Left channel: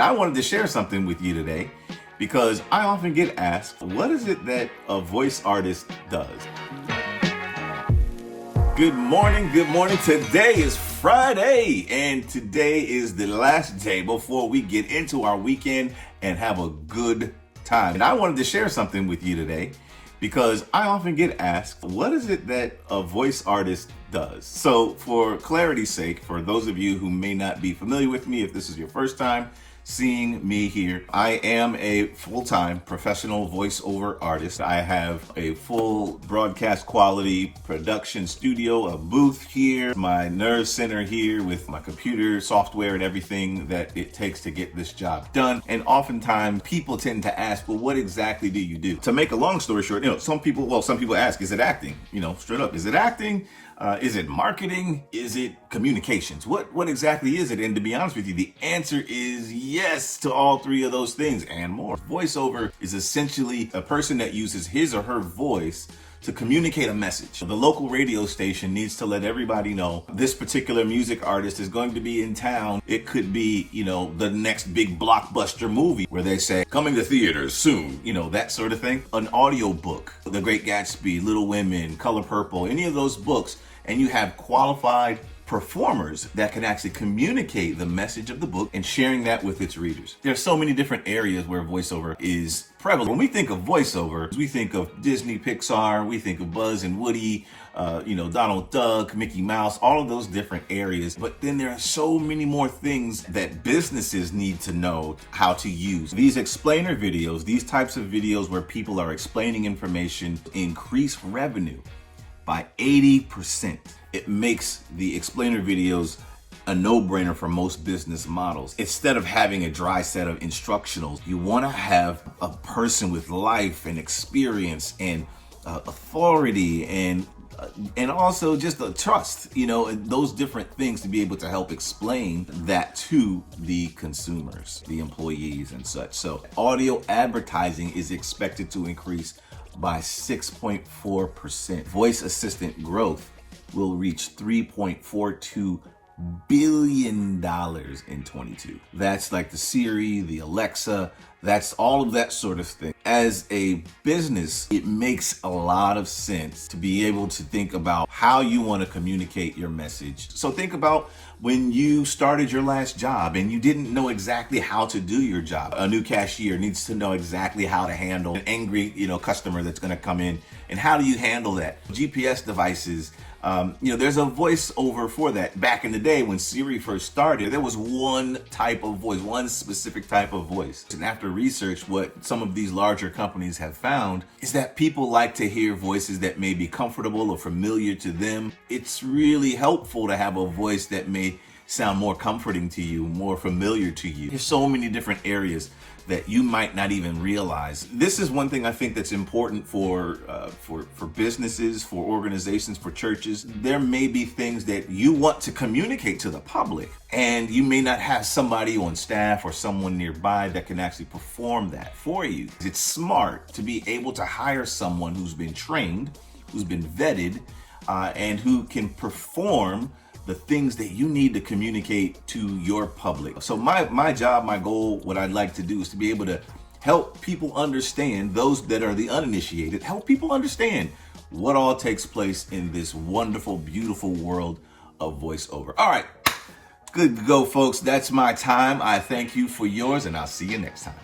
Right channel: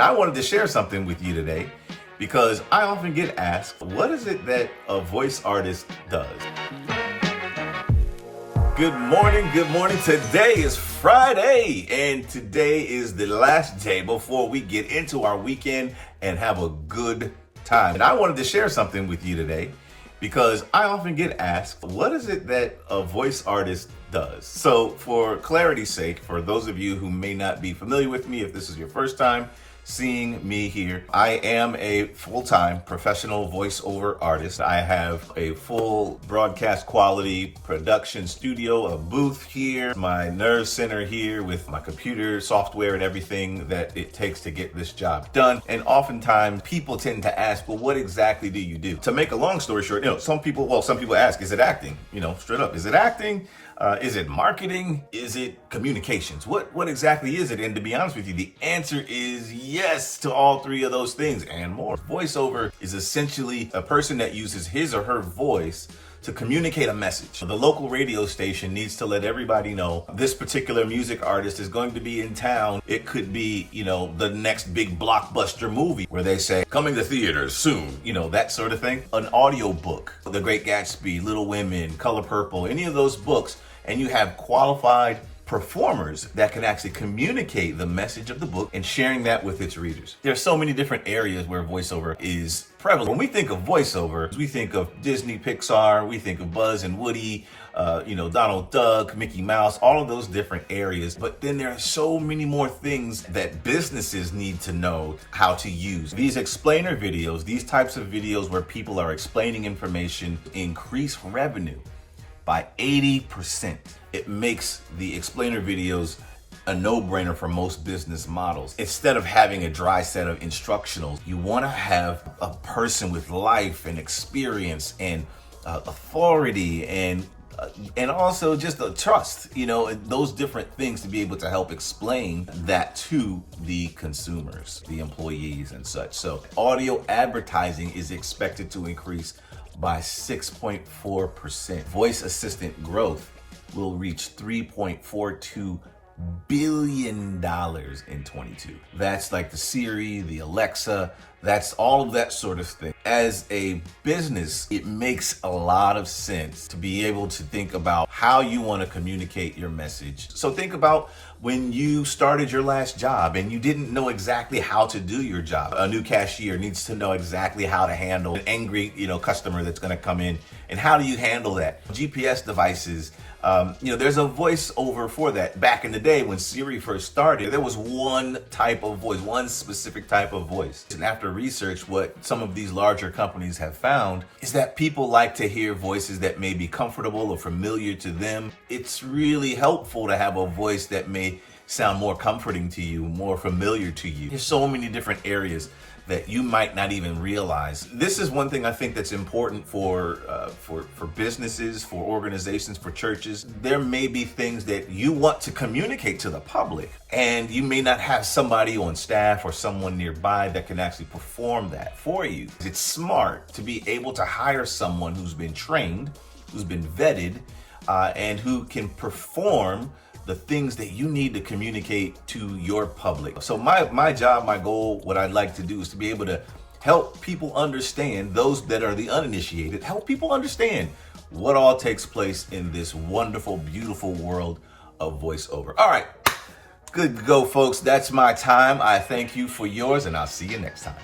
Now, I wanted to share something with you today because I often get asked, what is it that a voice artist does? Good morning, good morning. Today is Friday, and today is the last day before we get into our weekend and have a good time. And I wanted to share something with you today because I often get asked, what is it that a voice artist does? So for clarity's sake, for those of you who may not be familiar with me, if this is your first time seeing me here, I am a full-time professional voiceover artist. I have a full broadcast quality production studio, a booth here, my nerve center here with my computer software and everything that it takes to get this job done. And oftentimes people tend to ask, well, what exactly do you do? To make a long story short, some people ask, is it acting? Straight up, is it acting? Is it marketing? Is it communications? What exactly is it? And to be honest with you, the answer is yes to all three of those things and more. Voiceover is essentially a person that uses his or her voice to communicate a message. The local radio station needs to let everybody know this particular music artist is going to be in town. It could be, the next big blockbuster movie where they say, coming to theaters soon, that sort of thing. An audio book, The Great Gatsby, Little Women, Color Purple, any of those books, and you have qualified performers that can actually communicate the message of the book and sharing that with its readers. There are so many different areas where voiceover is prevalent. When we think of voiceover, we think of Disney, Pixar, we think of Buzz and Woody, Donald Duck, Mickey Mouse, all of those different areas. But then there are so many more things that businesses need to know how to use. These explainer videos, these types of videos where people are explaining information, increase revenue by 80%. It makes the explainer videos a no-brainer for most business models. Instead of having a dry set of instructionals, you want to have a person with life and experience and authority and also just a trust, and those different things to be able to help explain that to the consumers, the employees and such. So audio advertising is expected to increase by 6.4%. Voice assistant growth will reach $3.42 billion in 22. That's like the Siri, the Alexa, that's all of that sort of thing. As a business, it makes a lot of sense to be able to think about how you want to communicate your message. So think about when you started your last job and you didn't know exactly how to do your job. A new cashier needs to know exactly how to handle an angry, customer that's going to come in. And how do you handle that? GPS devices, there's a voiceover for that. Back in the day when Siri first started, there was one type of voice, one specific type of voice. And after research, what some of these larger companies have found is that people like to hear voices that may be comfortable or familiar to them. It's really helpful to have a voice that may sound more comforting to you, more familiar to you. There's so many different areas that you might not even realize. This is one thing I think that's important for businesses, for organizations, for churches. There may be things that you want to communicate to the public, and you may not have somebody on staff or someone nearby that can actually perform that for you. It's smart to be able to hire someone who's been trained, who's been vetted, and who can perform the things that you need to communicate to your public. So my job, my goal, what I'd like to do is to be able to help people understand, those that are the uninitiated, help people understand what all takes place in this wonderful, beautiful world of voiceover. All right, good to go, folks. That's my time. I thank you for yours, and I'll see you next time.